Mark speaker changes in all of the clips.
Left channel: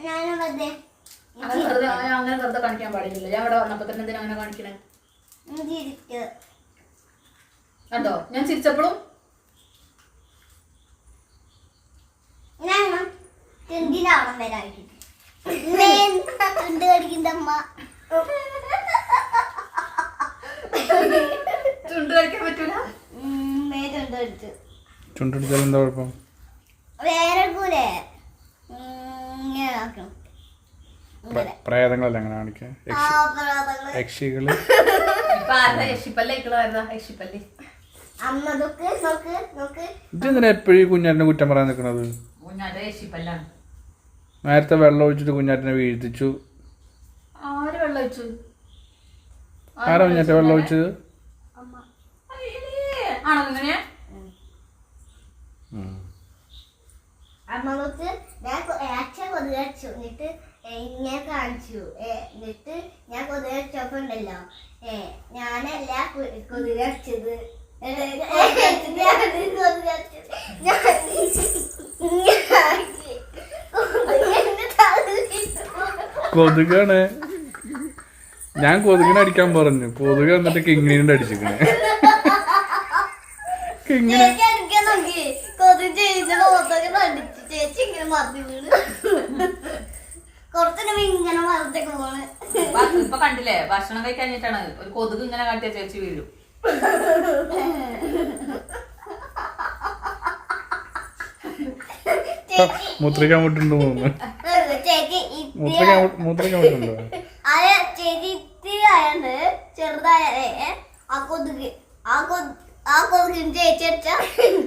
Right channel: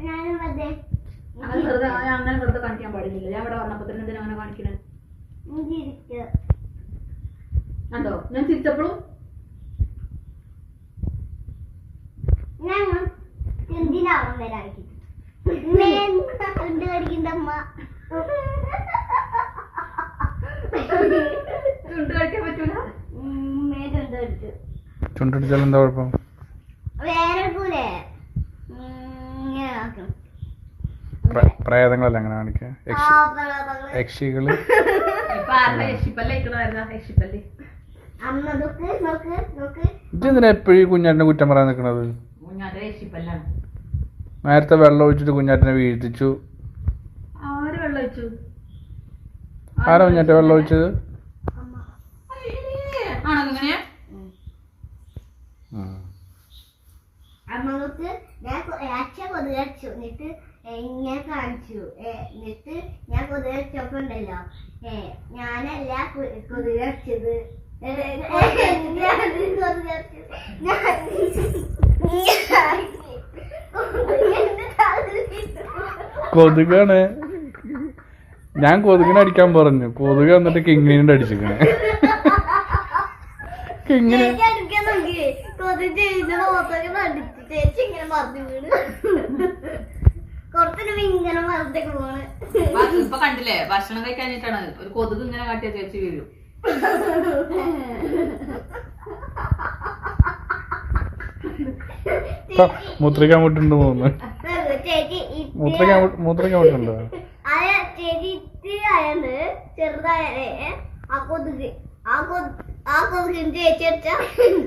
Speaker 1: അങ്ങനെ വെറുതെ ഞാൻ അങ്ങനെ വെറുതെ കാണിക്കാൻ പാടില്ല ഞാൻ ഇവിടെ വന്നപ്പോ തന്നെ എന്തിനാ അങ്ങനെ കാണിക്കണേ? കണ്ടോ? ഞാൻ ചിരിച്ചപ്പോഴും ചുണ്ട് കഴിക്കാൻ പറ്റൂല?
Speaker 2: ചുണ്ടടിച്ചാൽ എന്താ കുഴപ്പം?
Speaker 3: വേറെ കൂടെ
Speaker 2: അമ്മ അങ്ങനെ
Speaker 3: നോക്ക് നോക്ക്
Speaker 2: ഇതെന്തിനാ എപ്പോഴും കുഞ്ഞാറ്റിനെ കുറ്റം പറയാൻ നിൽക്കണത് നേരത്തെ വെള്ളം ഒഴിച്ചിട്ട് കുഞ്ഞാറ്റിനെ വീഴ്ത്തിച്ചു.
Speaker 1: ആര് വെള്ളം വെച്ചു
Speaker 2: ആരാ കുഞ്ഞാറ്റ വെള്ളം ഒഴിച്ചത്?
Speaker 3: അമ്മ. നോക്ക് ഞാൻ കൊ- അച്ഛൻ കൊതുക് അടിച്ചു. എന്നിട്ട് ഇങ്ങനെ കാണിച്ചു. എന്നിട്ട് ഞാൻ കൊതുക് അടിച്ചപ്പോ ഉണ്ടല്ലോ. ഏ ഞാനല്ല കു- കൊതുക് അടിച്ചത്. ഏ, ഏ, ഞാൻ കൊതുക് ഞാൻ കൊതുകിന്റെ
Speaker 2: കൊതുകാണ്. ഞാൻ കൊതുകിനെ അടിക്കാൻ പറഞ്ഞു. കൊതുക് എന്നിട്ട് കിങ്ങിനെ അടിച്ചിരിക്കണേ. കിങ്ങിനെ
Speaker 3: കൊതുക് ചേച്ചി ഇങ്ങനെ മറിഞ്ഞു വീണ്. കുറച്ചു ഇങ്ങനെ പോണ്.
Speaker 1: ഇപ്പൊ കണ്ടില്ലേ ഭക്ഷണം കഴിക്കഴിഞ്ഞിട്ടാണ് ഒരു കൊതുക് ഇങ്ങനെ കാട്ടിയ ചേച്ചി വീഴും.
Speaker 2: മുത്രിക്കാൻ വിട്ടുണ്ട് മൂന്ന്
Speaker 3: ചേച്ചി
Speaker 2: മൂത്രിക്കാൻ വിട്ടുണ്ടോ
Speaker 3: ചെറുതായ ആ കൊതുക്. ആ കൊതു ആ കൊതുക് ചേച്ചി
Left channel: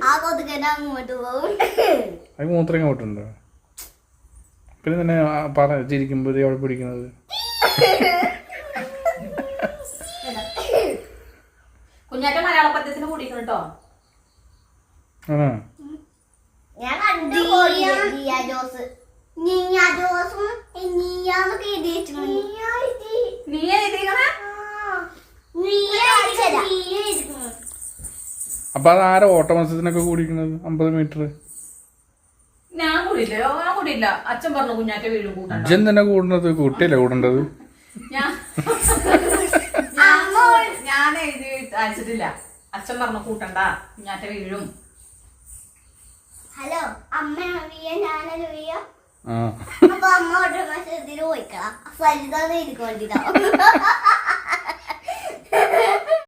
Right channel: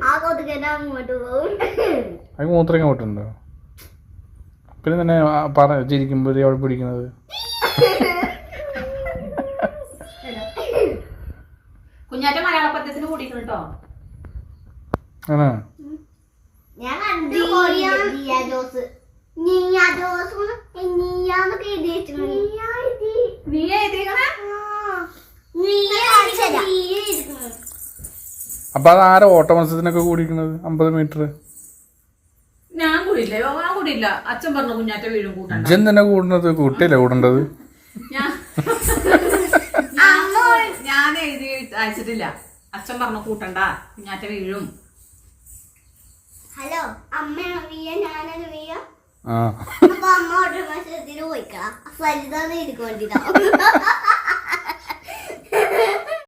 Speaker 3: ആ കൊതുക് തന്നെ അങ്ങോട്ട് പോകും
Speaker 2: അത് വിട്ടുണ്ടോ പിന്നെ തന്നെ പറ ചിരിക്കുമ്പോൾ അവിടെ പിടിക്കണത്?
Speaker 1: കുഞ്ഞാറ്റ മലയാള പദ്യത്തിന് കൂടിക്കണം കേട്ടോ.
Speaker 2: ആണോ?
Speaker 3: ഞാൻ കണ്ടു നീയ ജോസ്. നീയ ജോസും നീയാന്നൊക്കെ എഴുതി
Speaker 1: നീ എഴുതിക്കണേ
Speaker 2: അപ്പൊ അത് ആരാ ഓട്ട മത്സരത്തിനൊക്കെ കൂടിയിരിക്കുന്നത്? അമ്പത് മീറ്റർ
Speaker 1: ഞാൻ കൂടിയില്ല. ഞാൻ കൂടിയില്ല. അച്ഛൻ പറഞ്ഞു കുഞ്ഞാറ്റ വീഴും കൂട്ടണ്ട.
Speaker 2: ഇജ്ജൻ തന്നെ കൂടുന്നത് കുട്ടിയല്ലേ കൂടേണ്ടത്?
Speaker 1: ഞാൻ എഴുതി അയച്ചിട്ടില്ല. അച്ഛൻ പറഞ്ഞു കൂട്ടണ്ട. കുഞ്ഞാറ്റ വീഴും.
Speaker 3: ഹലോ അമ്മ അറിയ?
Speaker 2: ആ.
Speaker 3: അപ്പൊ അമ്മ ഓട്ട മത്സരത്തിന് പോയിക്കളാ എനിക്ക് വേണ്ടിട്ടാ